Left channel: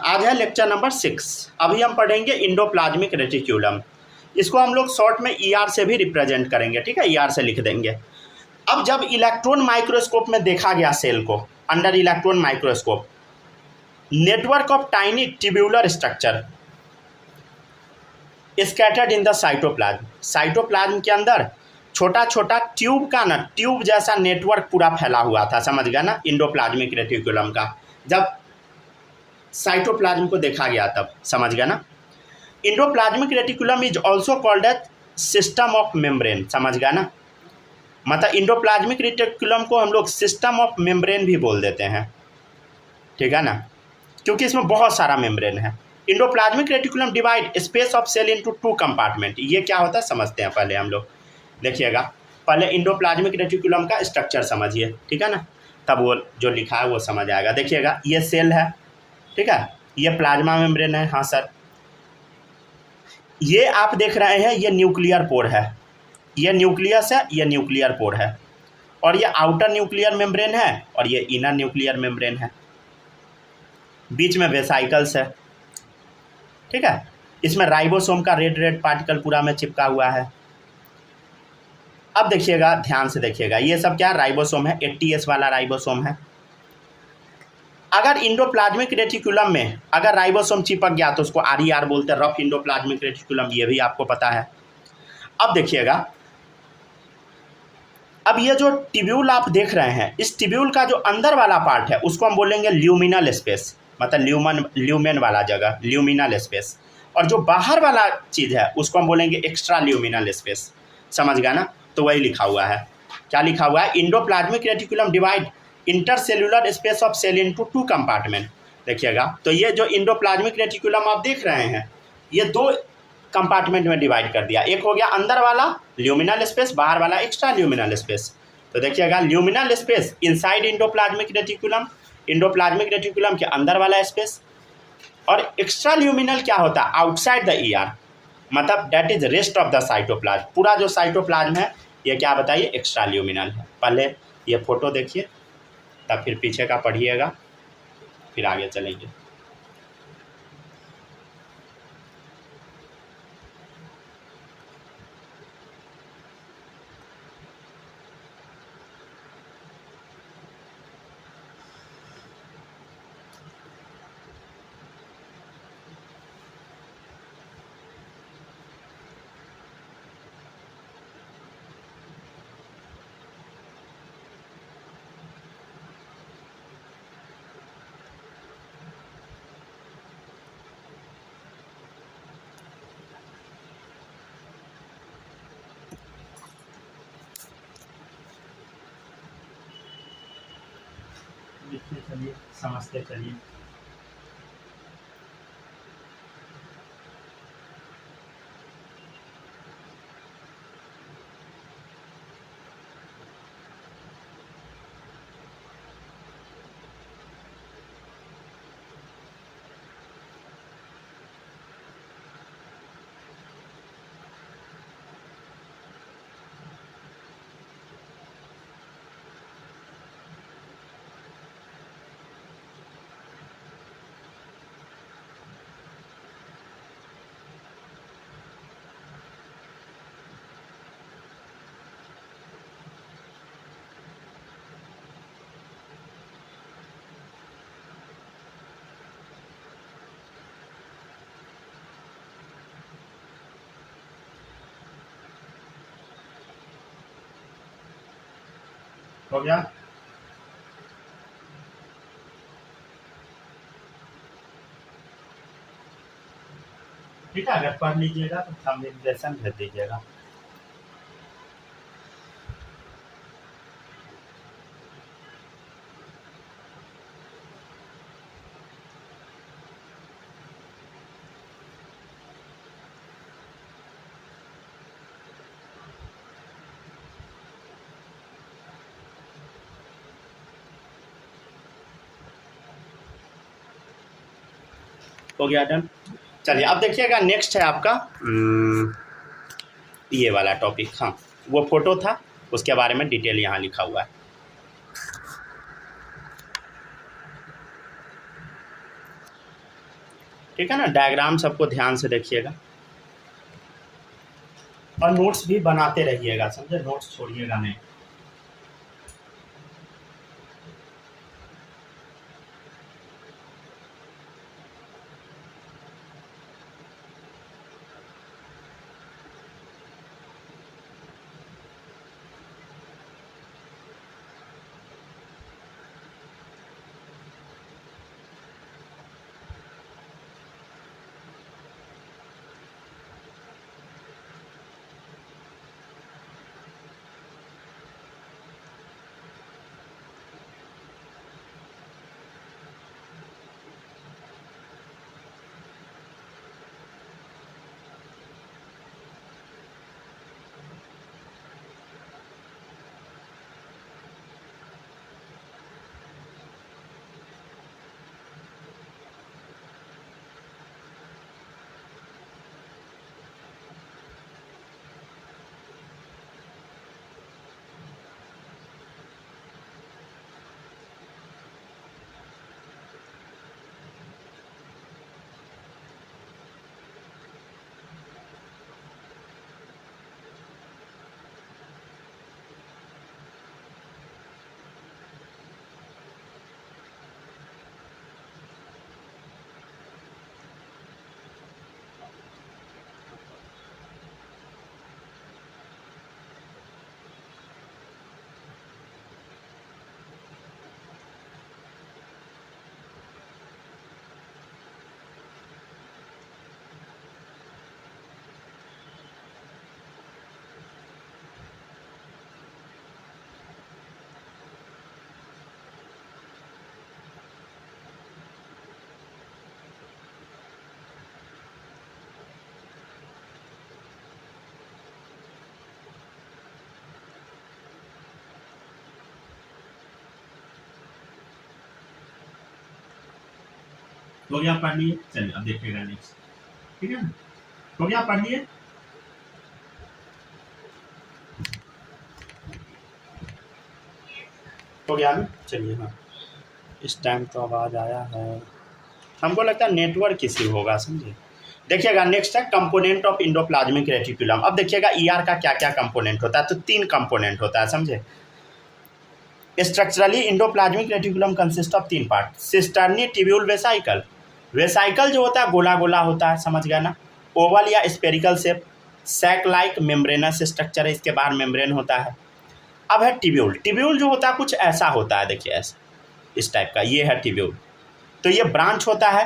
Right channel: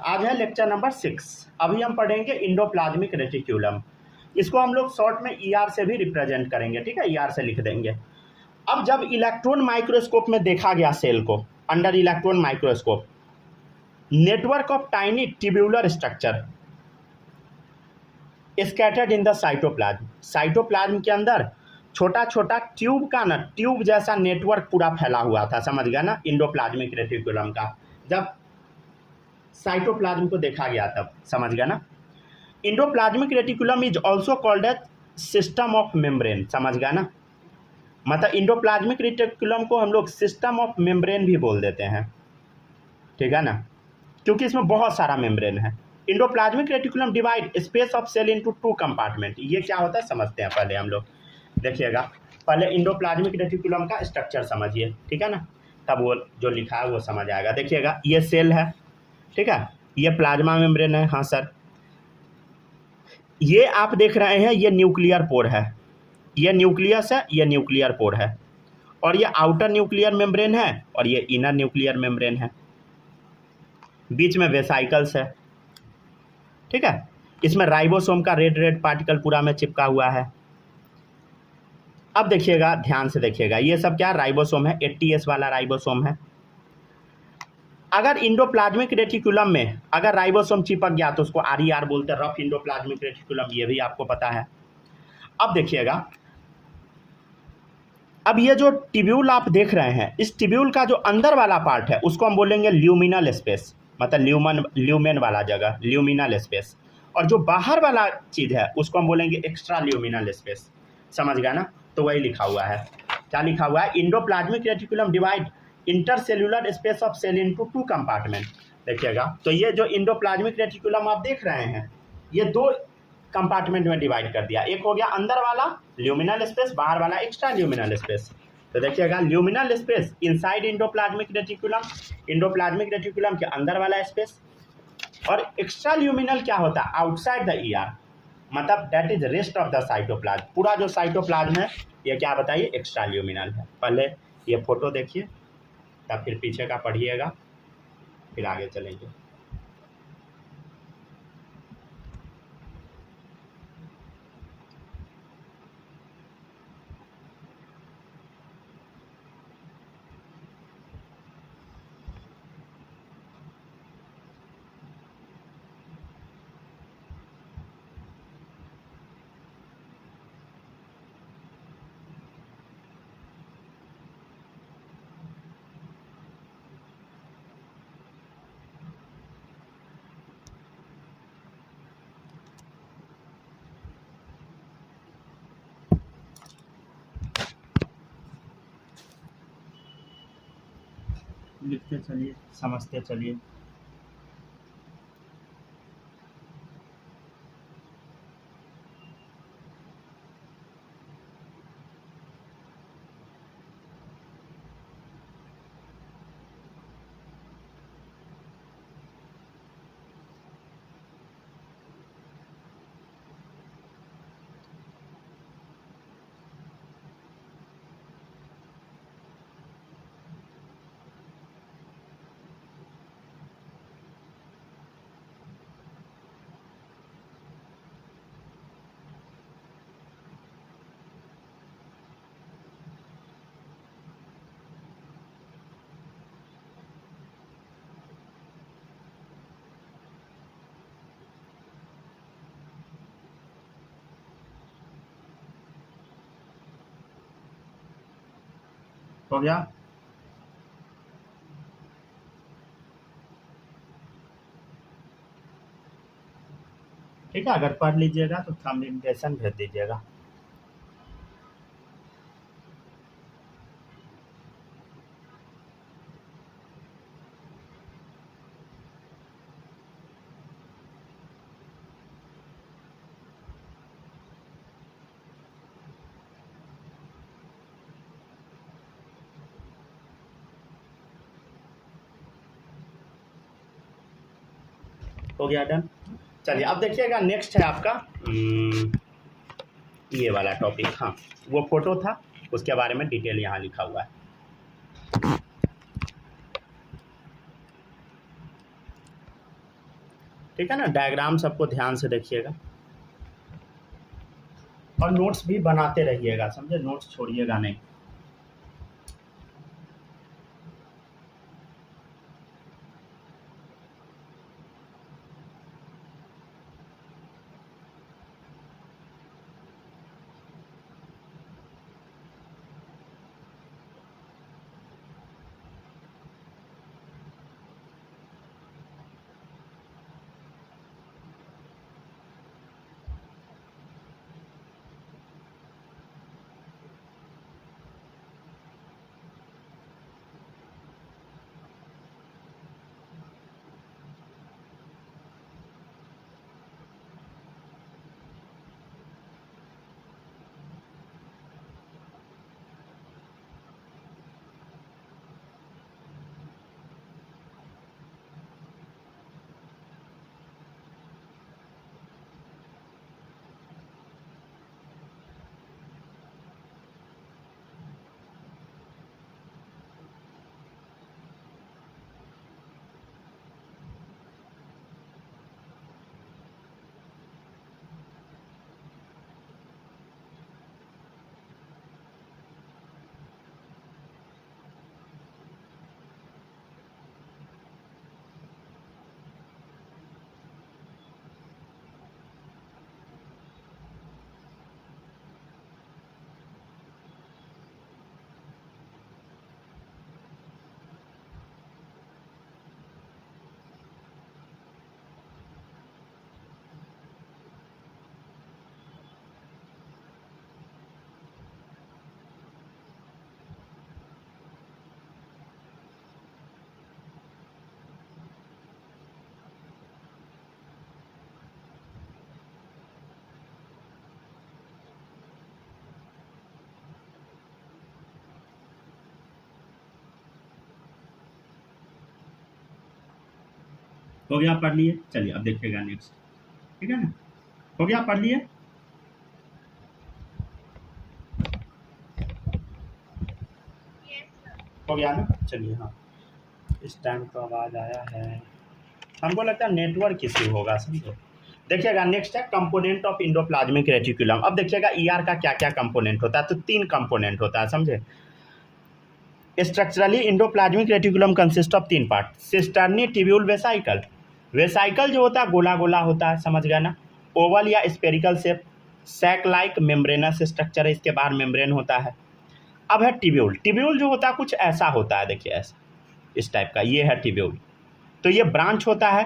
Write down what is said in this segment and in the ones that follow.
आज है lecture number 6। अभी हम पढ़ेंगे इंडोप्लाज्मिक रेटिक्यूलम। इसको हम लोग शॉर्ट में ER से भी रिप्रेजेंट करेंगे, ठीक है, ER से लिख देंगे। अब जब इलेक्ट्रॉन माइक्रोस्कोप में देखा गया सेल को, under electron microscope, network of tiny tubular structure scattered in the cytoplasm. Cytoplasm के अंदर छोटा छोटा ट्यूब का ना, ट्यूब जैसा नेटवर्क पूरा फैला हुआ था, समझ गया ना, इंडोप्लाज्मिक रेटिक्यूलम का। जब साइटोप्लाज्म को देखा गया तब, समझ गया ना। Endoplasmic reticulum is also called as system of membrane, समझ गया ना। मतलब इंडोप्लाज्मिक रेटिकुलम को हम लोग सिस्टम ऑफ मेम्ब्रेन भी बोल देते हैं, ठीक है ना, क्योंकि इसमें बहुत सारा मेम्ब्रेन है। Endoplasmic reticulum divide space of cell into 2 compartment. ये क्या होता है समझते हैं पहले हम लोग, देखिएगा। पहले इंडोप्लाज्मिक रेटिकुलम का स्ट्रक्चर समझिए, ठीक है ना, तब वो जो लिखा है वो समझ आएगा। देखिएगा, ये सेल है, ठीक है, ये प्लाज्मा मेम्ब्रेन है, हाँ सर। ये आप देख रहे हैं, ये न्यूक्लियर पोर है, ये न्यूक्लियस है, ये न्यूक्लियर पोर है, और ये आउटर न्यूक्लियर मेम्ब्रेन है, और ये इनर न्यूक्लियर मेम्ब्रेन है। बीच में वेसाइकल्स है, ठीक है। इसमें राइबोसोम का रेड रेड पार्टिकल पूरा में चिपका हुआ है। अब देखिएगा, ध्यान से देखिएगा, ये सब क्या राइबोसोम है, 80S वाला राइबोसोम है। अगर इंडोप्लाज्मिक रेटिकुलम में अगर राइबोसोम चिपक गया तो उसको RER बोलते हैं, रफ इंडोप्लाज्मिक रेटिकुलम, ये भी आपको पता है। अब देखिएगा, अब ये जो ट्यूब्यूल आप देख रहे हैं, इस ट्यूब्यूल का जो अंदर वाला पार्ट है उसको हम बोलेंगे ल्यूमिनल स्पेस, मतलब ल्यूमेन वाला जगह, ल्यूमिनल स्पेस। और जो बाहर वाला चीज़ है उसको हम बोलेंगे एक्स्ट्रा ल्यूमिनल स्पेस, समझ गया ना। तो वही लिखा हुआ है, क्या लिखा हुआ है, endoplasmic reticulum divide intercellular space of cell into 2 compartment. देखिएगा, तो ये जो इंडोप्लाज्मिक रेटिकुलम आप देख रहे हैं, ये 2 कंपार्टमेंट में डिवाइड कर दिया। एक हो गया अंदर वाला ल्यूमिनल स्पेस, बाहर वाला एक्स्ट्रा ल्यूमिनल स्पेस। तो देखिएगा, luminal space inside endoplasmic reticulum, endoplasmic reticulum के अंदर वाला स्पेस। और एक्स्ट्रा ल्यूमिनल क्या होता है, आउटसाइड द ER, मतलब that is rest of the cytoplasm. पूरा जो साइटोप्लाज्म है ये क्या बताइए, एक्स्ट्रा ल्यूमिनल है। पहले ये फोटो देखिए, तब फिर पीछे का पढ़िएगा, फिर आगे चलेंगे। लिखते चलिए, समझते चलिए। हो गया, ठीक है। अगर पढ़ लीजिएगा तो कम्युनिकेशन भेज दीजिएगा। हो गया, डन। चलिए अब देखिएगा, नेक्स्ट है आपका ये वाला टॉपिक। हाँ, वो फोटो था, उसके बारे में डिटेल यहाँ लिखा हुआ है। ठीक है ना। डायग्राम सबको ध्यान से देखिएगा और नोट्स भी बनाते रहिएगा, समझे, नोट्स छोड़िएगा नहीं। हो गया, पढ़ लिए, चलिए अब देखिएगा नेक्स्ट। ठीक है ना, हो गया, पढ़ लिए। हो गया ना, चलिए। हाँ, इस टाइम तो आवाज़ आया है, हमको लगता है नेटवर्क इश्यू होगा, समझे। देखिएगा नेक्स्ट है कंपोनेंट ऑफ इंडोप्लाज्मिक रेटिकुलम। अब देखिएगा ईआर का क्या क्या कंपोनेंट होता है, तो 3 कंपोनेंट होता है, समझे। Structurally endoplasmic reticulum consist of 3 part, cisternae, tubule, vesicle. Vesicle जो होता है गोला गोला होता है, समझ गया ना, ओवल या spherical shape, sac like membranous structure है, इसके बाहर मेम्ब्रेन होता है। अब है ट्यूब्यूल। ट्यूब्यूल जो होता है कुछ ऐसा होता है, देखिए ऐसा, इस टाइप का, ये है ट्यूब्यूल। तो ये ब्रांच होता है,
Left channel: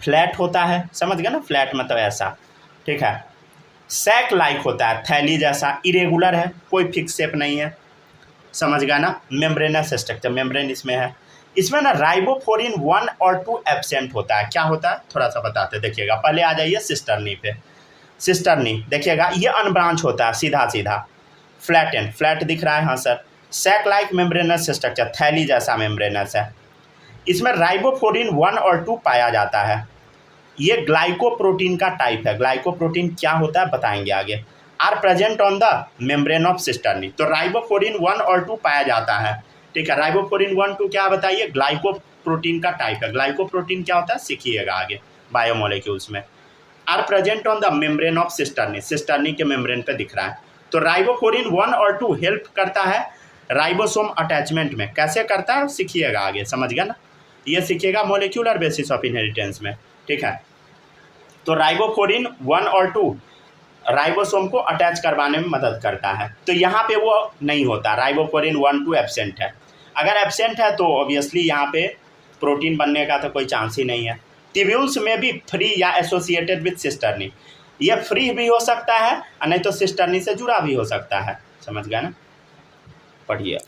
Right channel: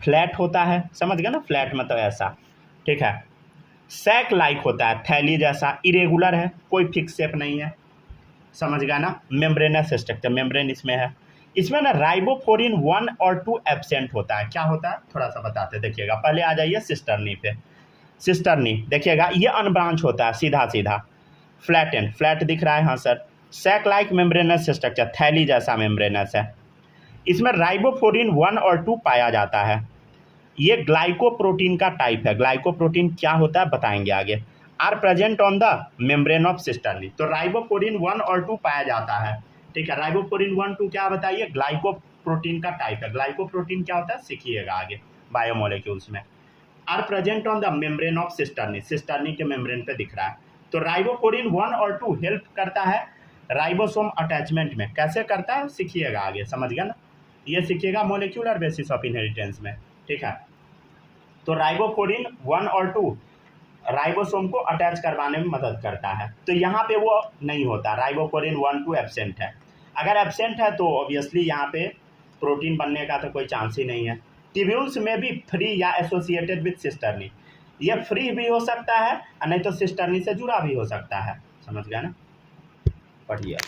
फ्लैट होता है, समझ गया ना, फ्लैट मतलब ऐसा, ठीक है। सैक लाइक होता है, थैली जैसा, इरेगुलर है, कोई फिक्स शेप नहीं है, समझ गया ना। मेम्ब्रेनस स्ट्रक्चर, मेम्ब्रेन इसमें है। इसमें ना राइबोफ्लोरिन 1 और 2 एब्सेंट होता है। क्या होता है थोड़ा सा बताते, देखिएगा। पहले आ जाइए सिस्टर्नी पे। सिस्टर्नी देखिएगा, ये अनब्रांच होता है, सीधा सीधा, फ्लैट एंड, फ्लैट दिख रहा है, हाँ sir. Sac like membranous structure, थैली जैसा मेम्ब्रेनस है। इसमें राइबोफ्लोरिन 1 और 2 पाया जाता है। ये ग्लाइकोप्रोटीन का टाइप है। ग्लाइकोप्रोटीन क्या होता है बताएंगे आगे। Are present on the membrane of cisternae. तो राइबोफ्लोरिन 1 और 2 पाया जाता है, ठीक है। राइबोफ्लोरिन 1 2 क्या बताइए, ग्लाइकोप्रोटीन का टाइप है। ग्लाइकोप्रोटीन क्या होता है सीखिएगा आगे बायोमोलिक्यूल्स में। Are present on the membrane of cisternae, cisternae के मेम्ब्रेन पे दिख रहा है। तो राइबोफ्लोरिन 1 और 2 हेल्प करता है राइबोसोम अटैचमेंट में। कैसे करता है सीखिएगा आगे, समझ गया ना, ये सीखिएगा मोलिक्यूलर बेसिस ऑफ इनहेरिटेंस में, ठीक है। तो राइबोफ्लोरिन 1 और 2 राइबोसोम को अटैच करवाने में मदद करता है। तो यहाँ पे वो नहीं होता, राइबोफ्लोरिन 1 2 एब्सेंट है। अगर एब्सेंट है तो ऑब्वियसली यहाँ पे प्रोटीन बनने का तो कोई चांस ही नहीं है। ट्यूब्यूल्स में भी फ्री या एसोसिएटेड विथ सिस्टर्नी, ये फ्री भी हो सकता है और नहीं तो सिस्टर्नी से जुड़ा भी हो सकता है, समझ गया ना। पढ़िए।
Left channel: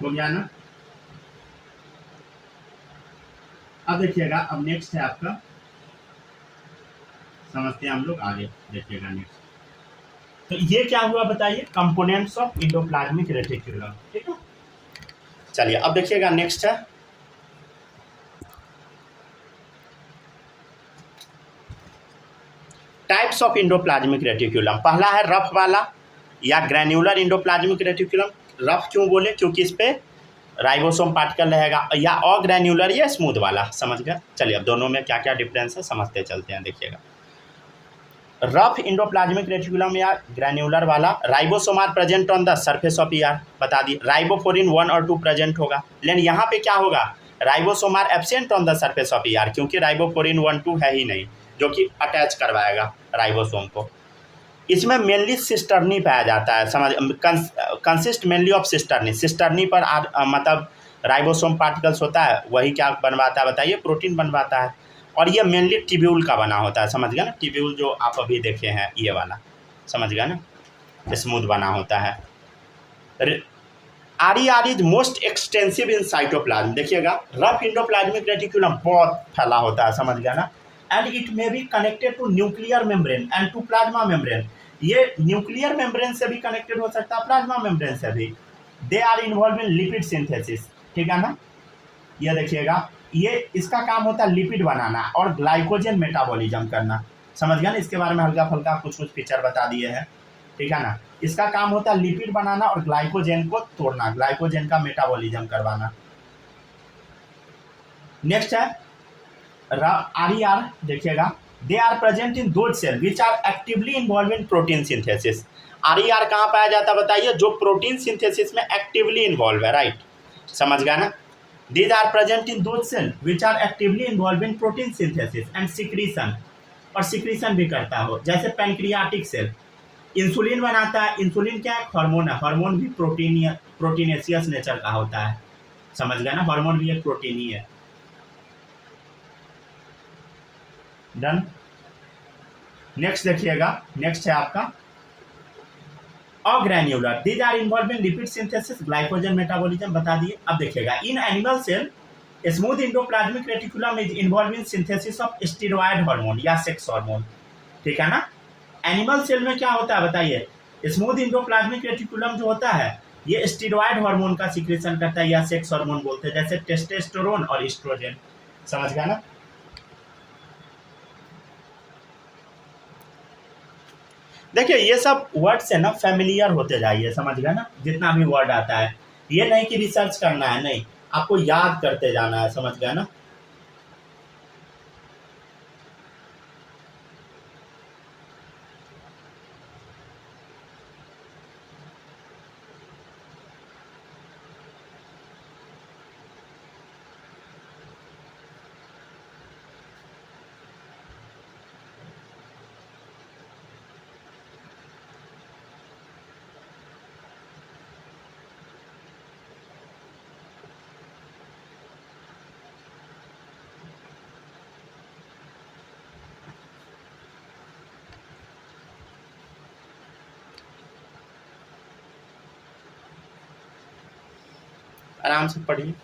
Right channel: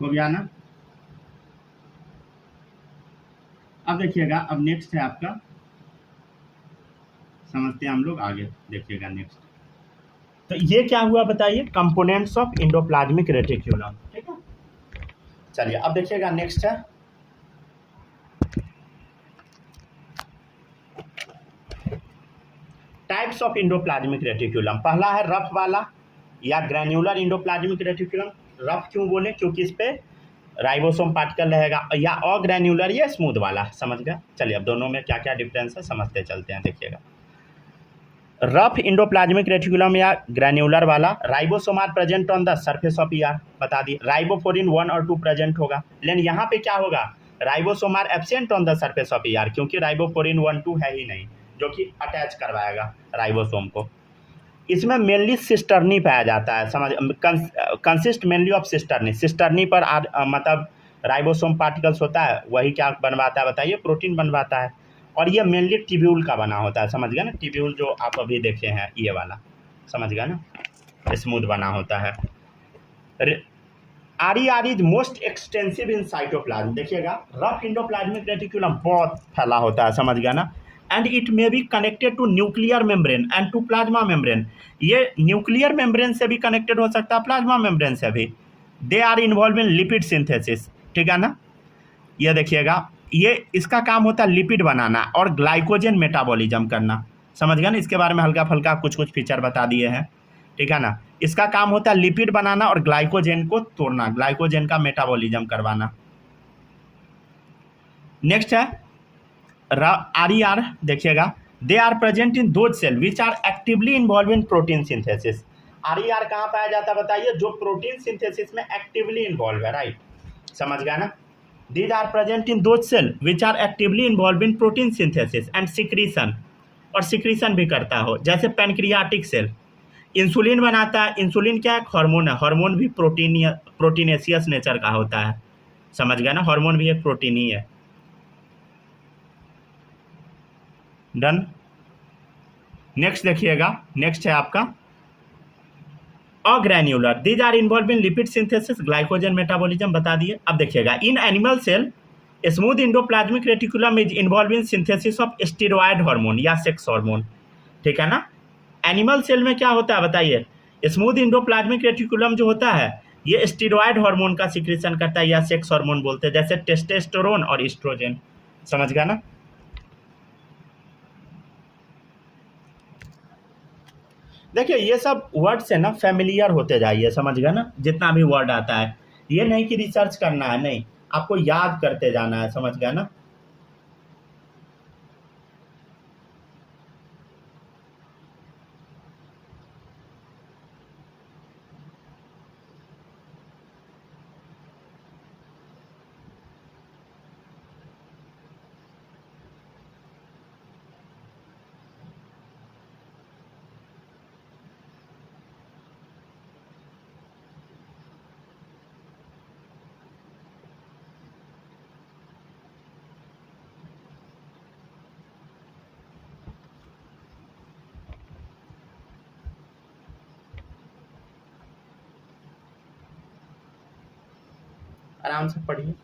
हो गया ना। अब देखिएगा, अब नेक्स्ट है आपका, समझते हैं हम लोग आगे, देखिएगा नेक्स्ट। तो ये क्या हुआ बताइए, कंपोनेंट्स ऑफ इंडोप्लाज्मिक रेटिक्यूलम, ठीक है। चलिए अब देखिएगा नेक्स्ट है टाइप्स ऑफ इंडोप्लाज्मिक रेटिक्यूलम। पहला है रफ वाला या ग्रैन्युलर इंडोप्लाज्मिक रेटिक्यूलम। रफ क्यों बोले, क्योंकि इस पे राइबोसोम पार्टिकल रहेगा, या अग्रैन्युलर या स्मूथ वाला, समझ गए। चलिए अब दोनों में क्या क्या डिफरेंस है समझते चलते हैं, देखिएगा। रफ इंडोप्लाज्मिक रेटिकुलम या ग्रैन्युलर वाला, ribosome are present on the surface of ER, बता दिए। राइबोफोरिन 1 और 2 प्रेजेंट होगा, लेकिन यहाँ पे क्या होगा, ribosome are absent on the surface of ER, क्योंकि राइबोफोरिन 1 2 है ही नहीं जो कि अटैच करवाएगा राइबोसोम को। इसमें मेनली सिस्टर्नी पाया जाता है, समझ, consist mainly of cisternae. Cisternae पर मतलब राइबोसोम पार्टिकल्स होता है, वही क्या बनवाता है बताइए, प्रोटीन बनवाता है। और ये मेनली टिब्यूल का बना होता है, समझ गया ना, टिब्यूल जो आप अभी देखे हैं ये वाला, समझ गया ना, स्मूथ बना होता है। R is most extensive in cytoplasm, देखिएगा रफ इंडोप्लाज्मिक रेटिकुलम बहुत फैला होता है, समझ गया ना। And it may be connected to nuclear membrane and to plasma membrane, ये न्यूक्लियर मेम्ब्रेन से भी कनेक्टेड हो सकता है, प्लाज्मा मेम्ब्रेन से भी। They are involve in lipid synthesis, ठीक है ना। ये देखिएगा, ये इसका काम होता है लिपिड बनाना और ग्लाइकोजन मेटाबॉलिज्म करना, समझ गया ना। इसके बारे में हल्का फुल्का कुछ कुछ फीचर बता दिए हैं, ठीक है ना। इसका काम होता है लिपिड बनाना और ग्लाइकोजन को तोड़ना, ग्लाइकोजन का मेटाबॉलिज्म करवाना। नेक्स्ट है आर, देखिएगा, they are present in those cell which are actively involve in protein synthesis. R कहाँ पाया जाता है बताइए, जो प्रोटीन सिंथेसिस में एक्टिवली इन्वॉल्व है, राइट, समझ गया ना। These are present in those cells which are actively involved in protein synthesis and secretion, और सिक्रीशन भी करता हो, जैसे पैनक्रियाटिक सेल इंसुलिन बनाता है। इंसुलिन क्या है, हार्मोन है, हार्मोन भी प्रोटीनेशियस नेचर का होता है, समझ गया ना, हार्मोन भी एक प्रोटीन ही है। डन। नेक्स्ट देखिएगा, नेक्स्ट है आपका agranular, these are involve in lipid synthesis, glycogen metabolism, बता दिए। अब देखिएगा, in animal cell smooth endoplasmic reticulum is involve in synthesis of steroid hormone या सेक्स हार्मोन, ठीक है ना। एनिमल सेल में क्या होता है बताइए, स्मूथ इंडोप्लाज्मिक रेटिकुलम जो होता है ये स्टेरॉयड हार्मोन का सिक्रेशन करता है, या सेक्स हार्मोन बोलते हैं, जैसे टेस्टोस्टेरोन और एस्ट्रोजन, समझ गया ना। देखिए ये सब वर्ड से ना फेमिलियर होते जाइए, समझ गए ना, जितना भी वर्ड आता है, ये नहीं कि रिसर्च करना है, नहीं, आपको याद करते जाना है, समझ गया ना। आराम से पढ़िए।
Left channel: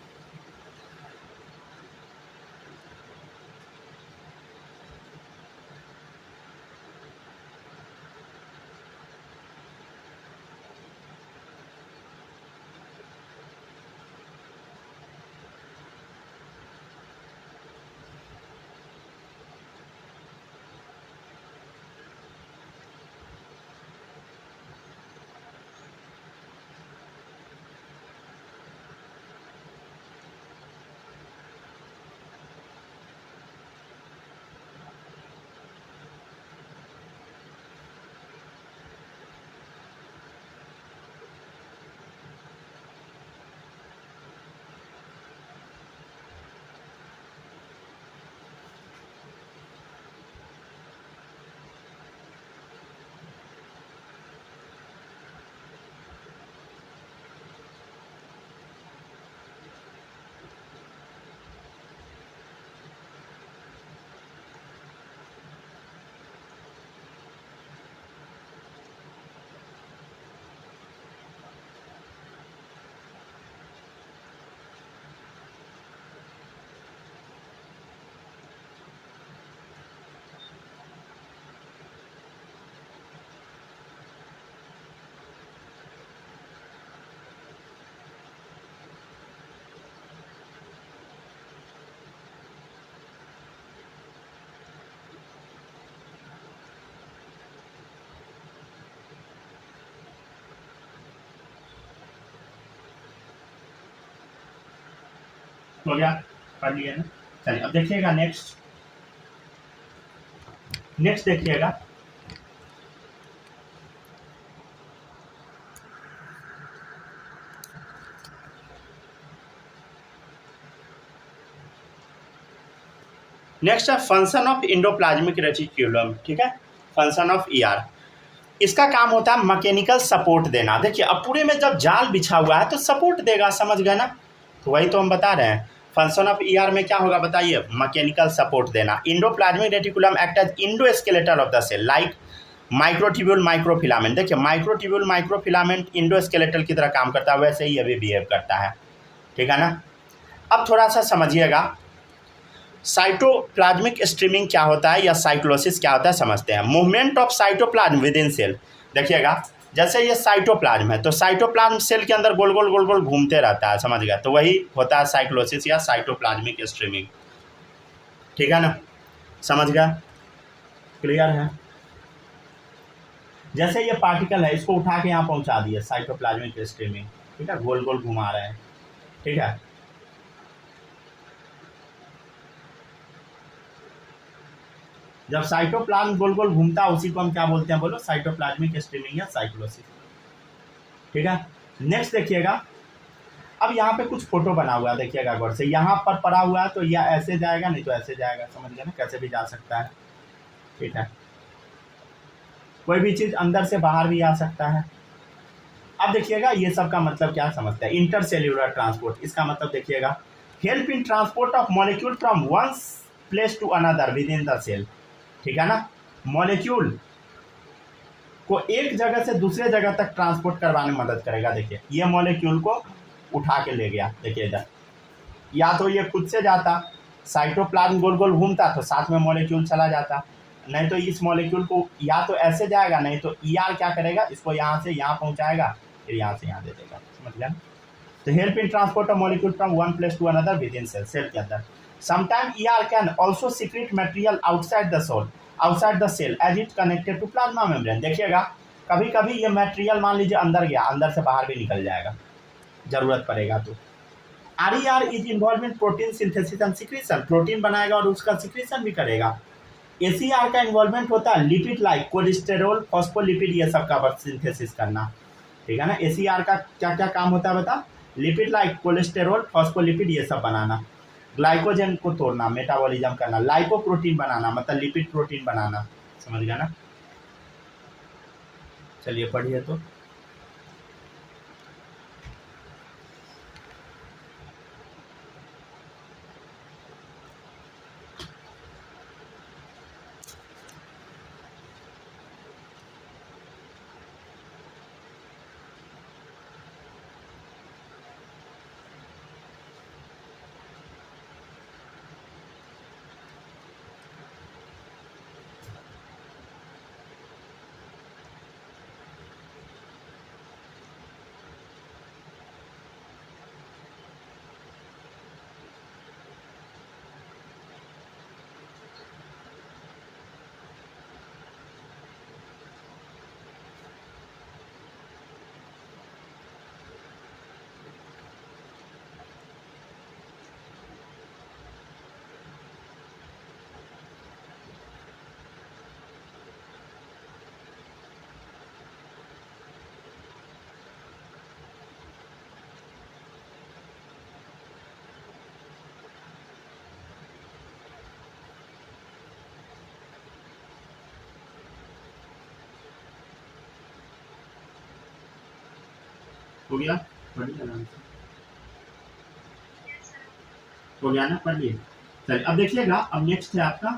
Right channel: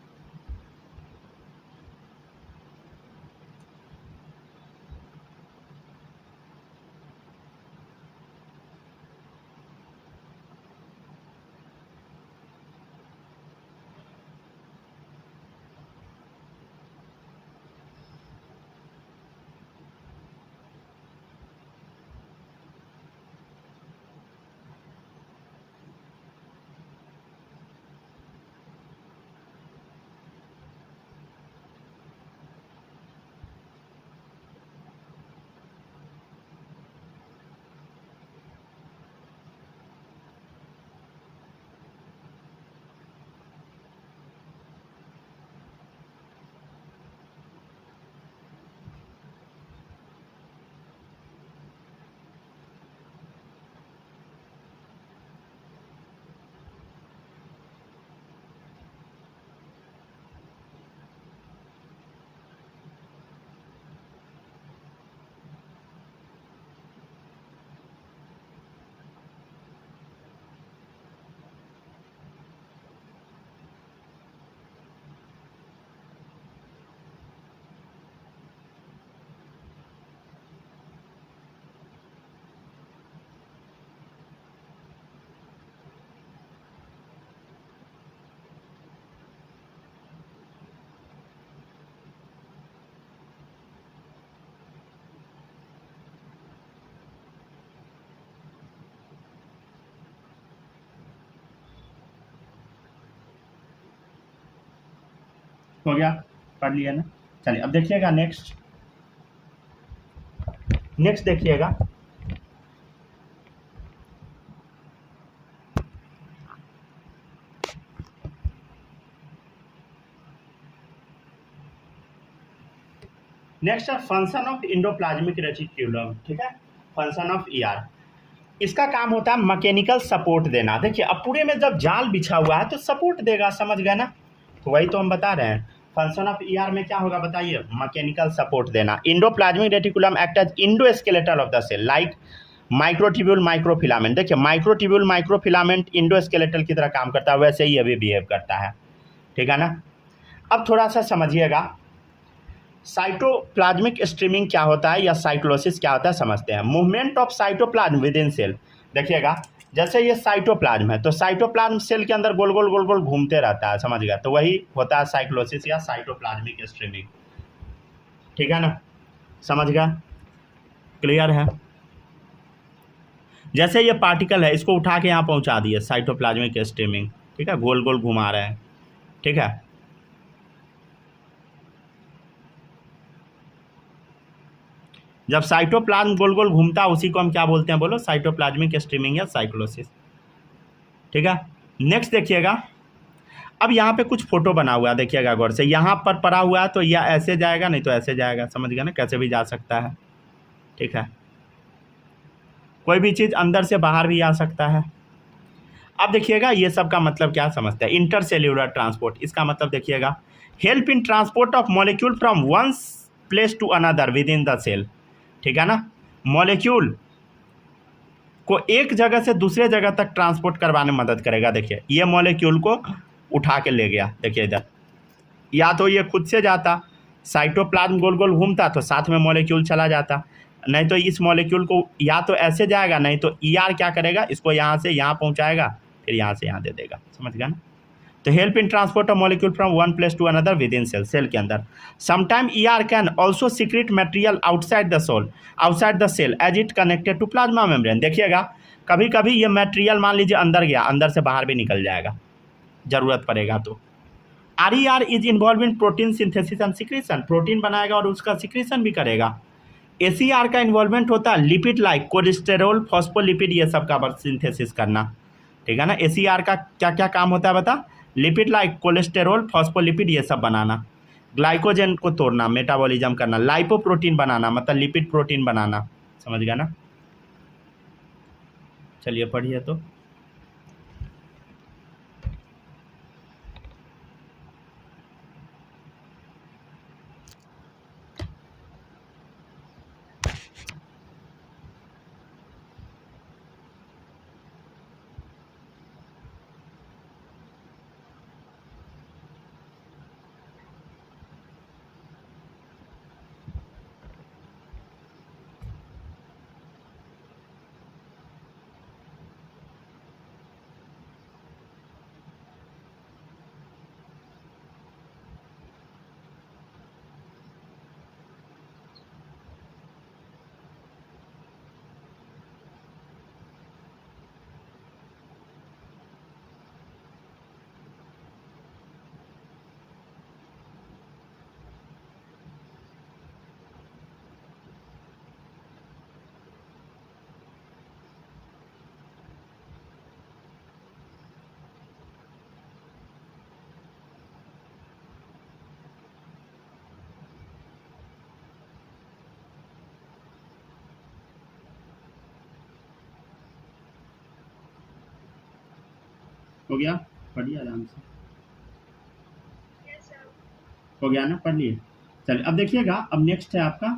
हो गया, पढ़ लिया ना। चलिए अब देखिएगा नेक्स्ट देखिएगा, नेक्स्ट है फंक्शन ऑफ इंडोप्लाज्मिक रेटिक्यूलम। ठीक है, फंक्शन ऑफ ईआर, इसका काम होता है मैकेनिकल सपोर्ट देना। देखिए अब पूरे में जब जाल बिछा हुआ है तो सपोर्ट देगा, समझ गए ना, तो वही तो हम बता रहे हैं। फंक्शन ऑफ ईआर में क्या होगा बताइए, मैकेनिकल सपोर्ट देना। Endoplasmic reticulum act as endoskeletal of the cell like microtubule microfilament. देखिए माइक्रोट्यूब्यूल माइक्रोफिलामेंट इंडोस्केलेटल की तरह काम करता है, वैसे ही ये भी बिहेव करता है। ठीक है ना। अब थोड़ा सा समझिएगा साइटोप्लाज्मिक स्ट्रीमिंग क्या होता है या साइक्लोसिस क्या होता है, समझते हैं। Movement of cytoplasm within cell. देखिएगा जैसे ये साइटोप्लाज्म है तो साइटोप्लाज्म सेल के अंदर गोल गोल घूमते रहता है, समझ गया, तो वही होता है साइक्लोसिस या साइटोप्लाज्मिक स्ट्रीमिंग। ठीक है ना, समझ गया, क्लियर है। जैसे ये पार्टिकल है इसको उठा के यहाँ पहुँचा दिए, साइटोप्लाज्मिक स्ट्रीमिंग। ठीक है, गोल गोल घुमा रहे हैं। ठीक है, जब साइटोप्लाज्म गोल गोल घूमता है उसी को हम क्या बोलते हैं, बोलो, साइटोप्लाज्मिक स्ट्रीमिंग या साइक्लोसिस। ठीक है, नेक्स्ट देखिएगा, अब यहाँ पे कुछ फोटो बना हुआ है, देखिएगा गौर से, यहाँ पर पड़ा हुआ है तो यह ऐसे जाएगा, नहीं तो ऐसे जाएगा, समझ गया ना, कैसे भी जा सकता है। ठीक है, कोई भी चीज़ अंदर से बाहर भी आ सकता है। अब देखिएगा ये सब का मतलब क्या समझते हैं, इंटरसेल्यूलर ट्रांसपोर्ट। इसका मतलब देखिएगा help in transport of molecule from one place to another within the cell. ठीक है ना, मॉलिक्यूल को एक जगह से दूसरे जगह तक ट्रांसपोर्ट करवाने में मदद करेगा। देखिए ये मॉलिक्यूल को उठा के ले गया, देखिए इधर, या तो ये खुद से जाता, साइटोप्लाज्म गोल गोल घूमता तो साथ में मॉलिक्यूल चला जाता, नहीं तो इस मॉलिक्यूल को या तो ऐसे जाएगा, नहीं तो ईआर क्या करेगा, इसको यहाँ से यहाँ पहुँचाएगा, फिर यहाँ से यहाँ दे देगा, समझ गया ना। तो help in transport of molecule from one place to another within cell, cell के अंदर। Sometime ER can also secrete material outside the cell as it connected to plasma membrane. देखिएगा कभी कभी ये मटेरियल मान लीजिए अंदर गया, अंदर से बाहर भी निकल जाएगा, जरूरत पड़ेगा तो। R is involve in protein synthesis and secretion, प्रोटीन बनाएगा और उसका सिक्रीशन भी करेगा। एसीआर का इन्वॉल्वमेंट होता है लिपिड लाइक कोलेस्टेरॉल फॉस्फोलिपिड, ये सब का सिंथेसिस करना। ठीक है ना, एसीआर का क्या क्या काम होता है बता, लिपिड लाइक कोलेस्टेरॉल फॉस्फोलिपिड ये सब बनाना, ग्लाइकोजन को तोड़ना, मेटाबॉलिज्म करना, लाइपोप्रोटीन बनाना मतलब लिपिड प्रोटीन बनाना, समझ गया ना। चलिए पढ़िए तो। हो गया, पढ़िए आराम से, हो गया ना, पढ़ लिए। चलिए अब देखिएगा, अब नेक्स्ट है आपका,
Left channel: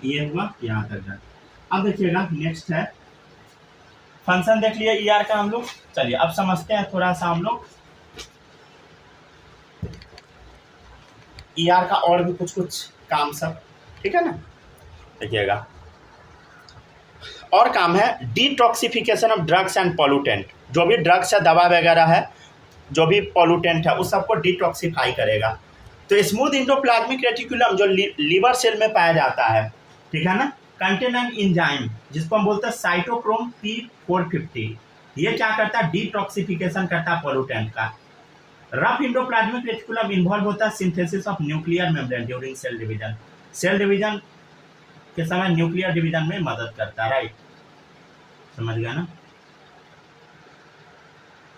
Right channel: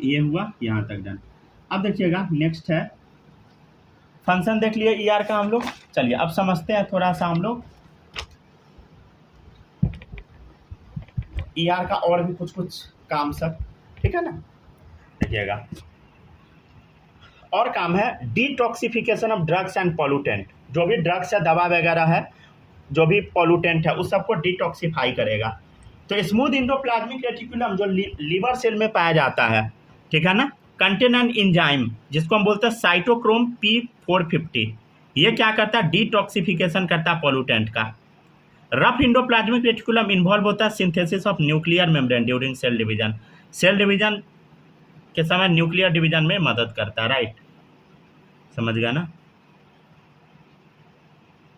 ये हुआ यहाँ तक डन। अब देखिएगा नेक्स्ट है फंक्शन, देख लिए ईआर का हम लोग। चलिए अब समझते हैं थोड़ा सा हम लोग ईआर का और भी कुछ काम सब। ठीक है ना, देखिएगा और काम है detoxification of drugs and pollutant. जो भी ड्रग्स है, दवा वगैरह है, जो भी पॉल्यूटेंट है उस सबको डिटॉक्सिफाई करेगा। तो स्मूथ इंडोप्लाज्मिक रेटिकुलम जो लीवर सेल में पाया जाता है, ठीक है ना, कंटेन एन एंजाइम जिसको हम बोलते हैं साइटोक्रोम P450। ये क्या करता है, डिटॉक्सिफिकेशन करता है पॉल्यूटेंट का। रफ इंडोप्लाज्मिक रेटिकुलम इन्वॉल्व होता है synthesis of nuclear membrane during cell division. Cell division के समय न्यूक्लियर डिवीजन में मदद करता है, राइट, समझ गया ना।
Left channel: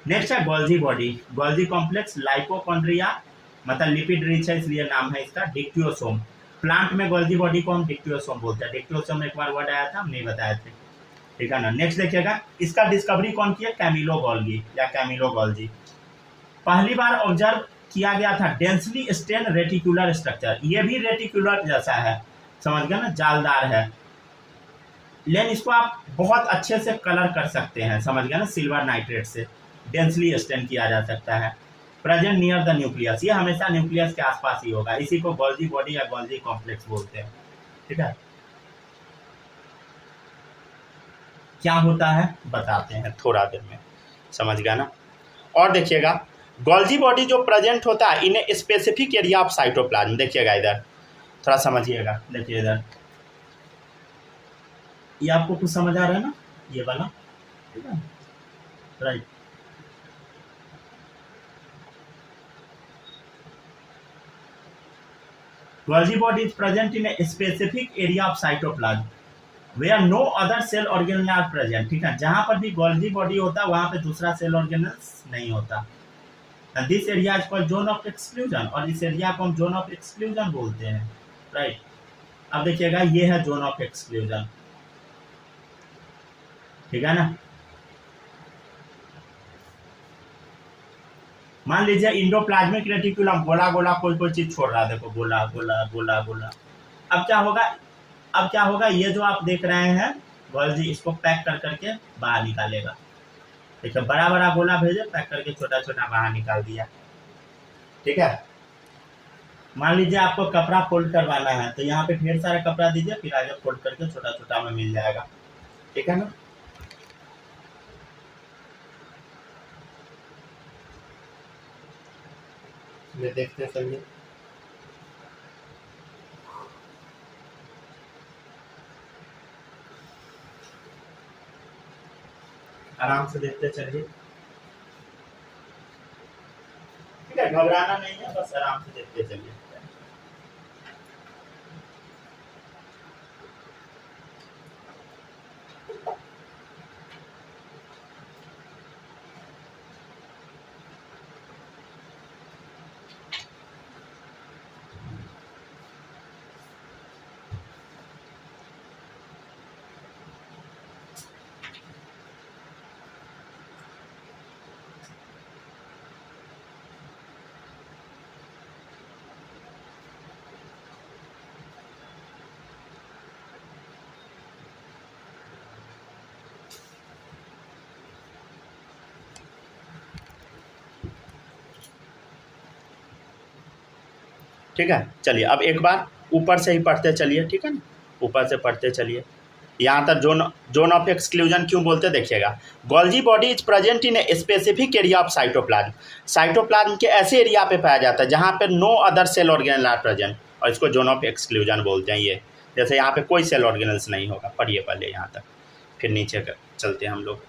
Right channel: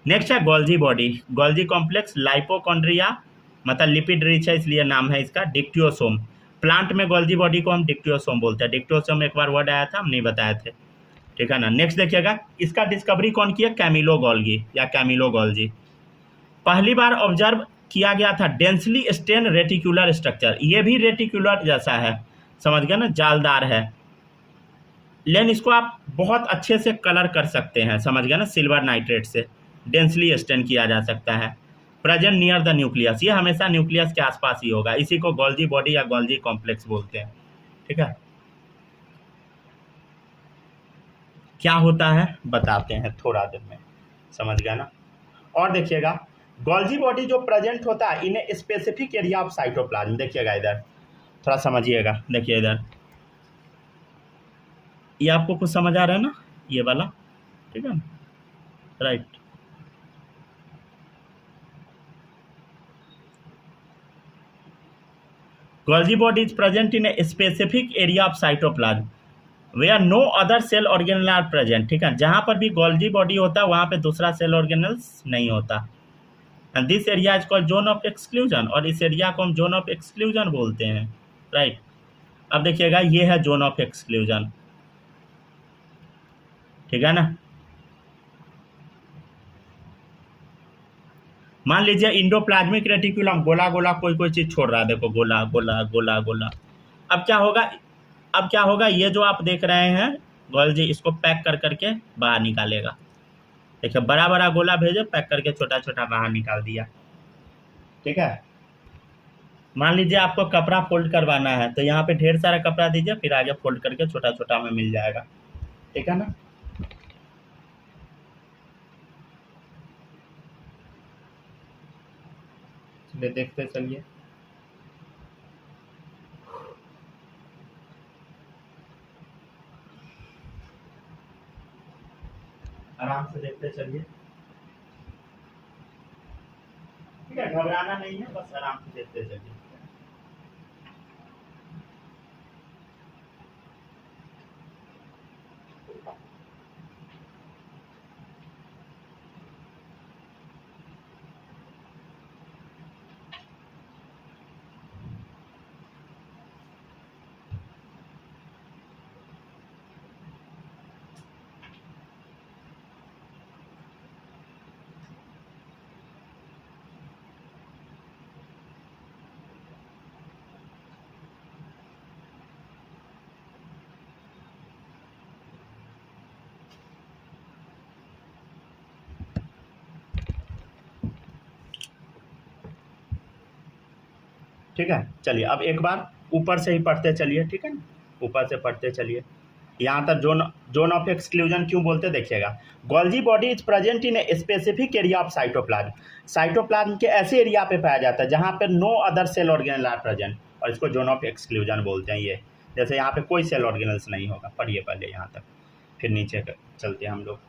नेक्स्ट है गोल्जी बॉडी, गोल्जी कॉम्प्लेक्स, लाइपोकॉन्ड्रिया, मतलब लिपिड रिच है इसलिए नाम है इसका, डिक्टियोसोम। प्लांट में गोल्जी बॉडी को हम डिक्टियोसोम बोलते हैं। डिक्टियोसोम एक बार वर्ड आया था, हम नहीं बताए थे, ठीक है ना। नेक्स्ट देखिएगा, इसका डिस्कवरी कौन किया? कैमिलो गोल्गी या कैमिलो गोल्जी। पहली बार ऑब्जर्व किया गया था डेंसली स्टेन रेटिकुलर स्ट्रक्चर, ये भी रेटिकुलर जैसा है, समझ गए ना, जालदार है, लेकिन इसको आप बहुत अच्छे से कलर कर सकते हैं, समझ गए ना, सिल्वर नाइट्रेट से डेंसली स्टेन किया जा सकता है। प्रेजेंट नियर द न्यूक्लियस, ये हमेशा न्यूक्लियस के आसपास ही होगा, इसी को गोल्जी बॉडी या गोल्जी कॉम्प्लेक्स बोलते हैं, ठीक है। क्या होता है बताते हैं थोड़ा देर में, समझ गया ना। और देखिएगा, गोल्जी बॉडी जो प्रेजेंट होता है in a specific area of cytoplasm, देखिएगा इधर थोड़ा समझिएगा, देखिए इधर, ये आपको कुछ समझ आ रहा है ना, ये वाला, ठीक है, right. Golgi body is present in a specific area of cytoplasm where no other cell organelle are present, ठीक है, जहां पर भी गोल्जी बॉडी होता है वहां पे दूसरा सेल ऑर्गेनल्स नहीं होता। And this area is called zone of exclusion, और इस एरिया को हम जोन ऑफ एक्सक्लूजन बोलते हैं, राइट। अब देखिएगा, ये है जोन ऑफ एक्सक्लूजन, ठीक है ना। मान लीजिए इंडोप्लाज्मिक रेटिकुलम गोला गोला कोई कोई चीज छोड़ रहा है, देखो गोला गोला गोला गोला। अब क्या होगा, अब क्या होगा, ये जो आप देख रहे हैं गोल्जी, इसको पैक कर करके बाहर निकालेगा, देखिए बड़ा बड़ा गोला भेजे, पैक करके छोटा छोटा बाहर निकाल दिया, ठीक है। मान लीजिए आपको कपड़ा फोल्ड करवाना है, तो यहाँ पे ढेर सारा कपड़ा दीजिए, फिर आगे फोल्ड करके छोटा छोटा में मिल जाएगा, ठीक है ना। चलिए देखते चलिए, आराम से देखते चलिए, ठीक है, घबराना नहीं है, बस आराम से देखते चलिए। ठीक है, चलिए अब एक बार ऊपर से ही पढ़ते चलिए, ठीक है ना, ऊपर से पढ़ते चलिए। यहाँ तक जोन जोन ऑफ एक्सक्लूजन क्यों बोलते देखिएगा, Golgi body is present in a specific area of cytoplasm, cytoplasm के ऐसे एरिया पे पाया जाता है जहाँ पे no other cell organelle are present, और इसको जोन ऑफ एक्सक्लूजन बोलते हैं। ये जैसे यहाँ पे कोई सेल ऑर्गेनल्स नहीं होगा, पढ़िए पहले यहाँ तक, फिर नीचे चलते हैं हम लोग।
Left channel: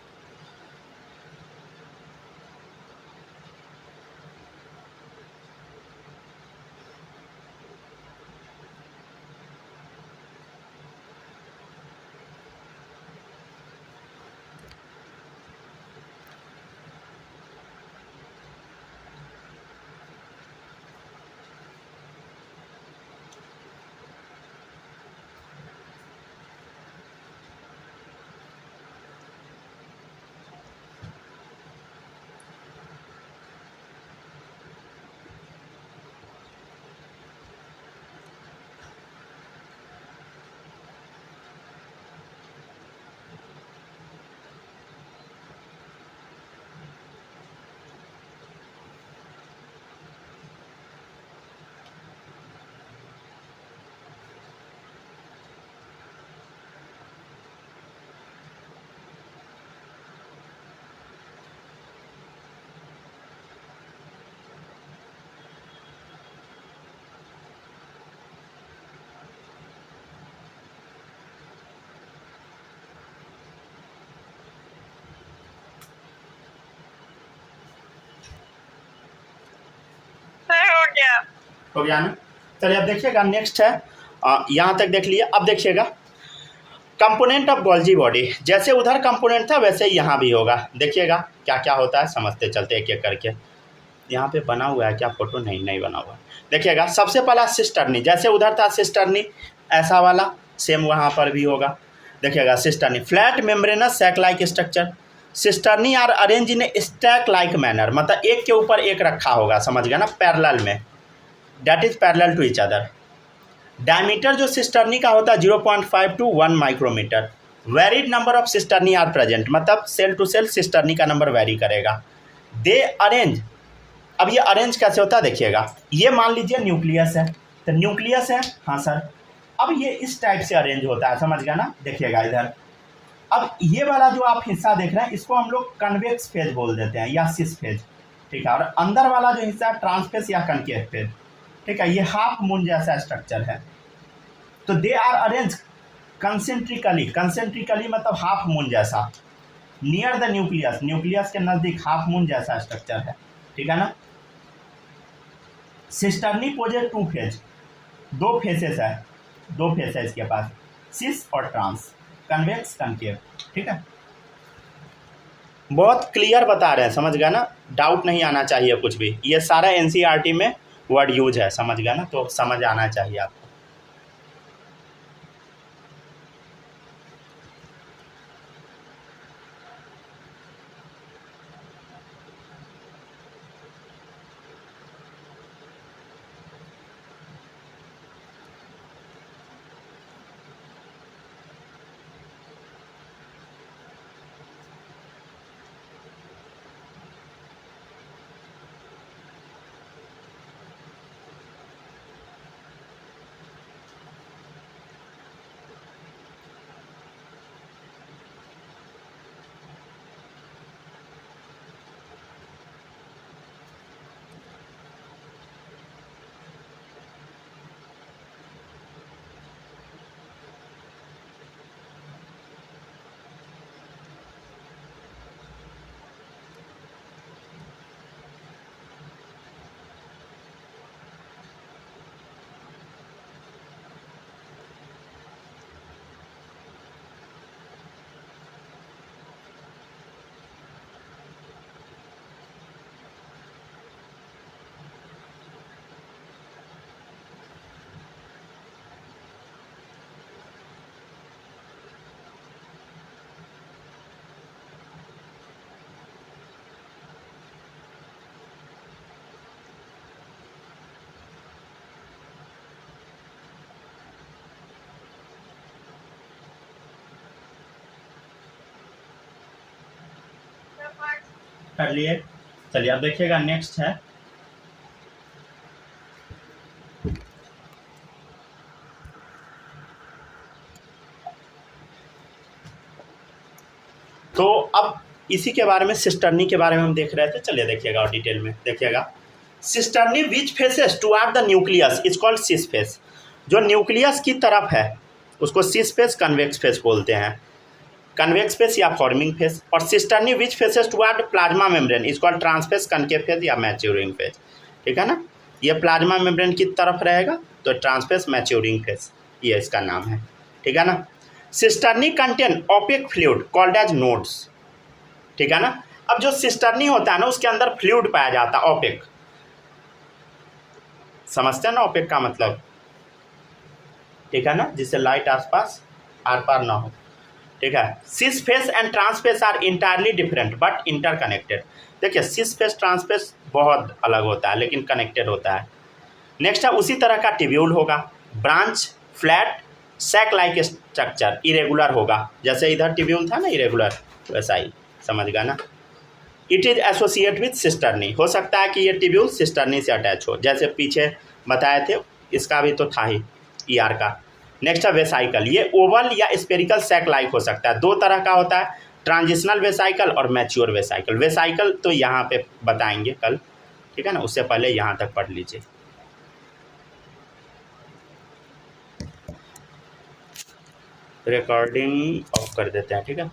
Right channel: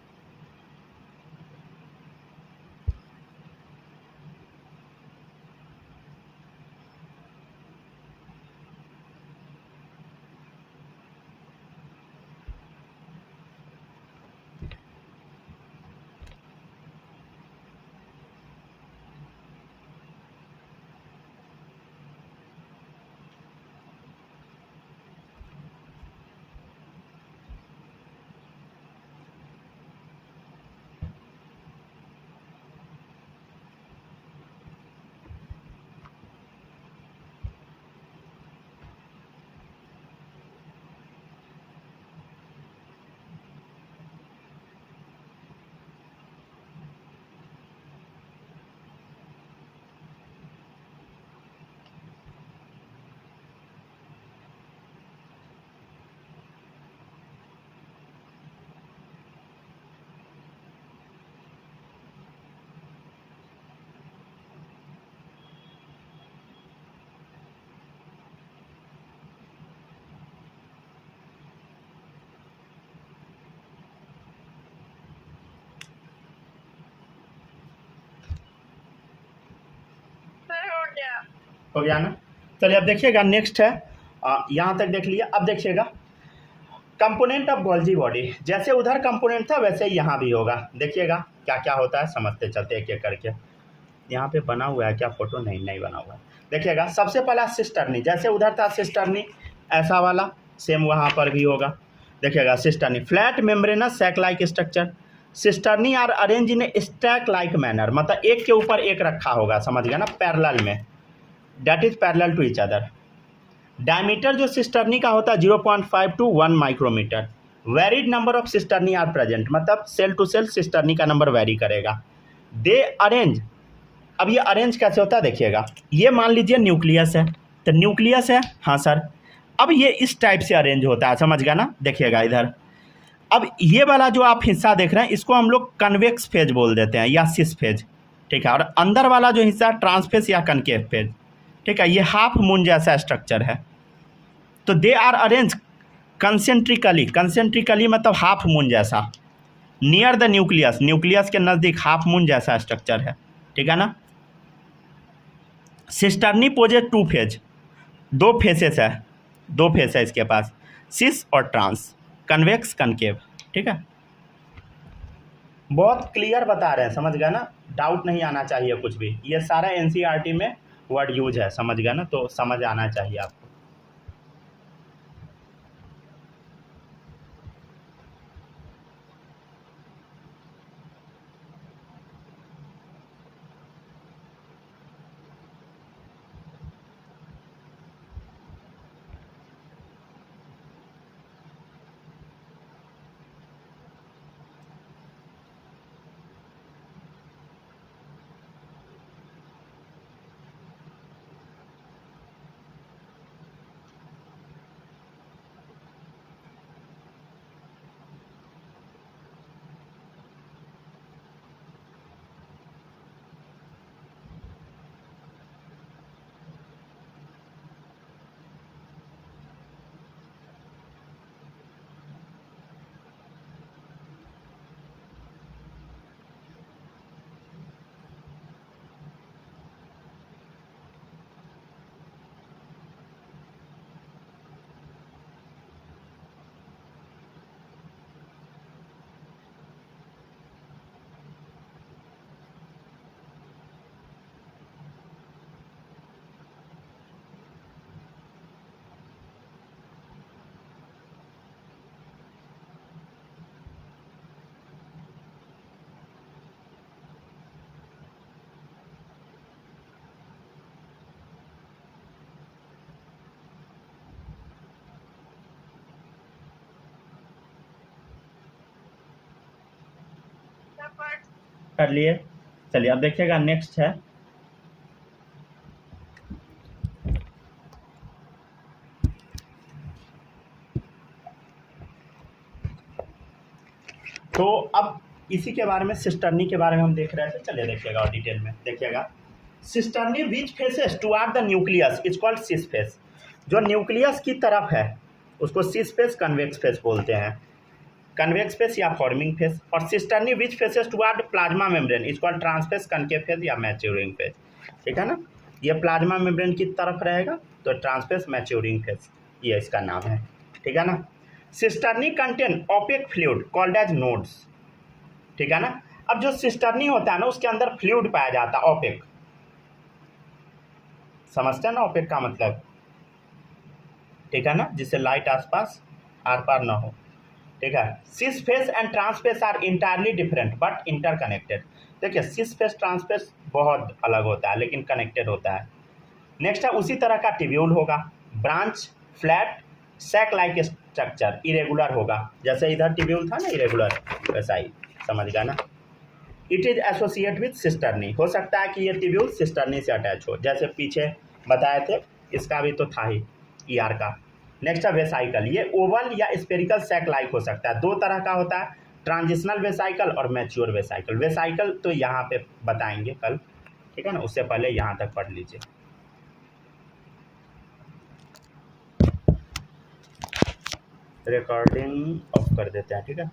हो गया ना। चलिए अब देखिएगा नेक्स्ट है, यहाँ तक देख लिए। अब देखिएगा कंपोनेंट ऑफ गोल्जी बॉडी, जैसे उधर कंपोनेंट था वैसे ही यहाँ भी होगा। देखिएगा क्या क्या होता है, समझते चलते एक एक करके। यहाँ पे बना हुआ है क्या फोटो? नहीं बना हुआ है। देखिएगा सबसे पहला सिस्टर्नी, जैसे उधर था सिस्टर्नी ऐसा वाला, सेम वहाँ पर भी होगा। देखिएगा cisternae flat membranous sac like structure. Cisternae are arrange in stack like manner, मतलब एक के ऊपर एक रखा होगा, समझ गया ना, पैरेलल में, that is parallel to each other. Diameter जो सिस्टर्नी का होता है 0.5 to 1 micrometer. Varied number of cisternae are present, मतलब सेल टू सेल सिस्टर्नी का नंबर वेरी करेगा। दे अरेंज, अब ये अरेंज कैसे होता है देखिएगा। ये मान लीजिए न्यूक्लियस है, तो न्यूक्लियस है, हाँ सर। अब ये इस टाइप से अरेंज होता है, समझ गया ना। देखिएगा इधर, अब ये वाला जो आप हिस्सा देख रहे हैं इसको हम लोग कन्वेक्स फेज बोल देते हैं या सिस फेज, ठीक है। और अंदर वाला जो हिस्सा ट्रांसफेस या कनकेव फेज, ठीक है। ये हाफ मून जैसा स्ट्रक्चर है। तो दे आर अरेंज कंसेंट्रिकली मतलब हाफ मून जैसा, नियर द न्यूक्लियस, न्यूक्लियस के नज़दीक हाफ मून जैसा स्ट्रक्चर है, ठीक है ना। सिस्टर्नी पोजेज 2 फेज, 2 फेसेस है, 2 फेस है इसके पास, सिस और ट्रांस, कन्वेक्स कनकेव, ठीक है। बहुत क्लियर बता रहे हैं, समझ गया ना, डाउट नहीं आना चाहिए कुछ भी। ये सारा एनसीईआरटी में वर्ड यूज है, समझ गया ना, तो समझ आना चाहिए आपको। कर लिए। चलिए अब देखिएगा नेक्स्ट है, तो अब इसी के बारे में, सिस्टर्नी के बारे में हम देख रहे थे। चलिए देखिएगा और डिटेल में देखिएगा। Cisternae which faces toward the nucleus is called cis face, जो न्यूक्लियस की तरफ है उसको सिस फेस कन्वेक्स फेस बोलते हैं, कन्वेक्स फेस या फॉर्मिंग फेस। और cisternae which faces toward plasma membrane is called trans face concave face या मैच्योरिंग फेस, ठीक है ना। ये प्लाज्मा मेम्ब्रेन की तरफ रहेगा तो ट्रांसफेस मैच्योरिंग फेस, ये इसका नाम है, ठीक है ना। Cisternae contain opaque fluid called as nodes, ठीक है ना। अब जो सिस्टर्नी होता है ना उसके अंदर फ्लूइड पाया जाता है ओपेक, समझते हैं ना ओपेक का मतलब, ठीक है ना, जिससे लाइट आसपास आर पार ना हो, ठीक है। Cis face and trans face are entirely different but interconnected. देखिए सिस फेस ट्रांसफेस बहुत अलग होता है लेकिन कनेक्टेड होता है। नेक्स्ट है उसी तरह का टिब्यूल होगा, branch flat sac like structure, irregular होगा, जैसे इधर टिब्यूल था ना इरेगुलर, वैसा ही, समझ गया ना। It is associate with cisternae, हो सकता है कि ये टिब्यूल सिस्टर्नी से अटैच हो, जैसे पीछे बताए थे, इसका भी तो था ही ईआर का। नेक्स्ट है वेसाइकल, ये ओवल या स्पेरिकल सैक लाइक हो सकता है, 2 तरह का होता है, ट्रांजिशनल वेसाइकल और मैच्योर वेसाइकल। वेसाइकल तो यहाँ पे बताएंगे कल, ठीक है ना, उससे पहले यहाँ तक पढ़ लीजिए। रिकॉर्डिंग ऑफ कर देते हैं, ठीक है।